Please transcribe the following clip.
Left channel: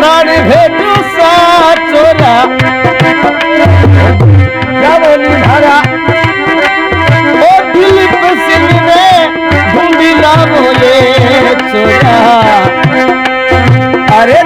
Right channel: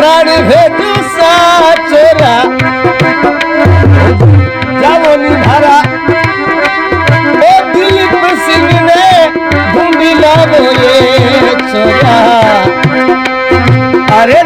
प्राण भेटू सा चोरा जाओ निभारा ओ दिलीप सिंह ने ढूंढी लावो ये चोरा अरे